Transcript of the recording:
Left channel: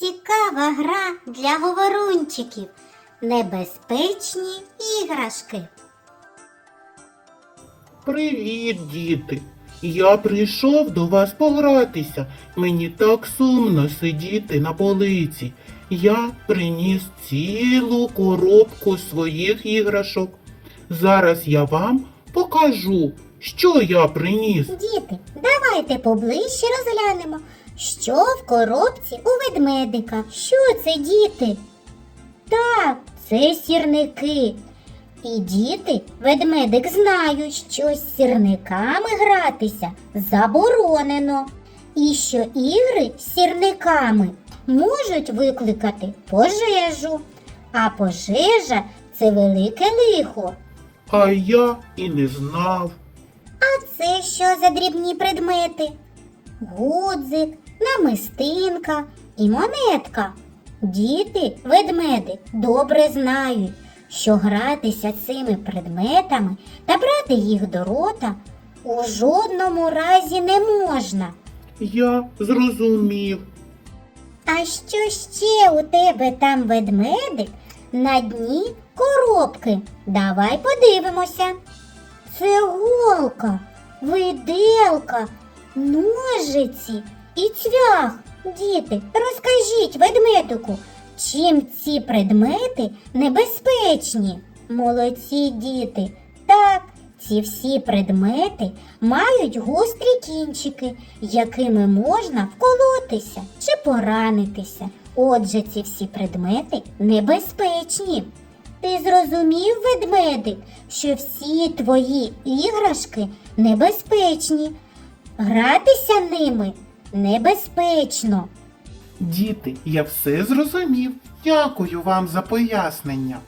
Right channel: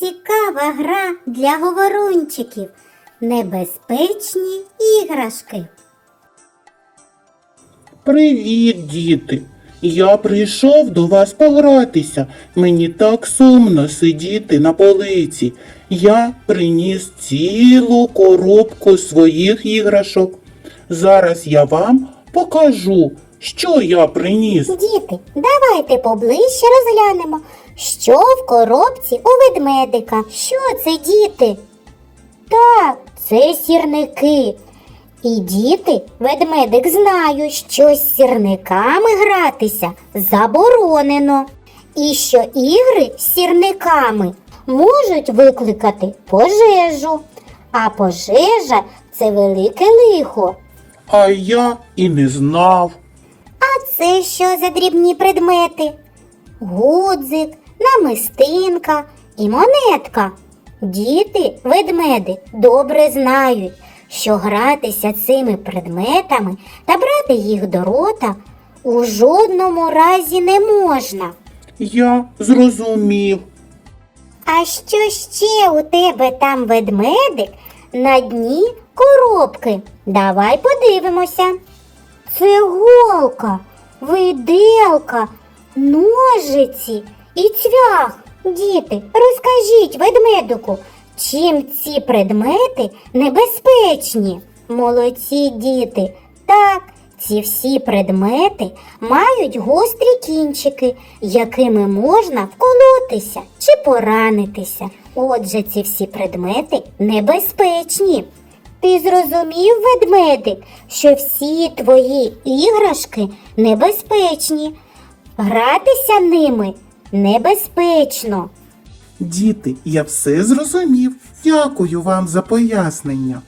Цікава гра для говорунчиків. Небезпечні іграшки. Привіт, діти! Я прийшов до вас погратися. Мені так сумно сидіти на полиці. Я приніс цілу коробку своїх іграшок. Зараз я вам покажу, що я приніс. Діти, давайте поближче розглянемо, що в коробці у ведмедика. Що це, діти? Так, це сірники. І діти, ведмедик знають, що з сірниками гратися заборонено. І що ігри з сірниками можуть викликати пожежу. А пожежа це велике лихо. А я і не знав. Це що за дрібні предмети? Гудзик, намистинка і монетка. Діти, ведмеди, добре знають, що гратися цими предметами та брати їх до рота у жодному разі не можна. Я зрозумів. А що ще у тебе там ведмедик на дні коробки? Давай подивимося. Це голка, виделка, ножиці і цвях. Діти, розкажіть ведмедику, чим ці предмети небезпечні? Молодці діти. Так, ці всі предмети мають гострі кінчики, якими можна вколотися чи поранитися. Отже, ці всі предмети небезпечні. Ти зрозумів, ведмедик, що всі твої іграшки небезпечні. Гратися ними небезпечно. Діти, я все зрозумів. Дякую вам за пояснення.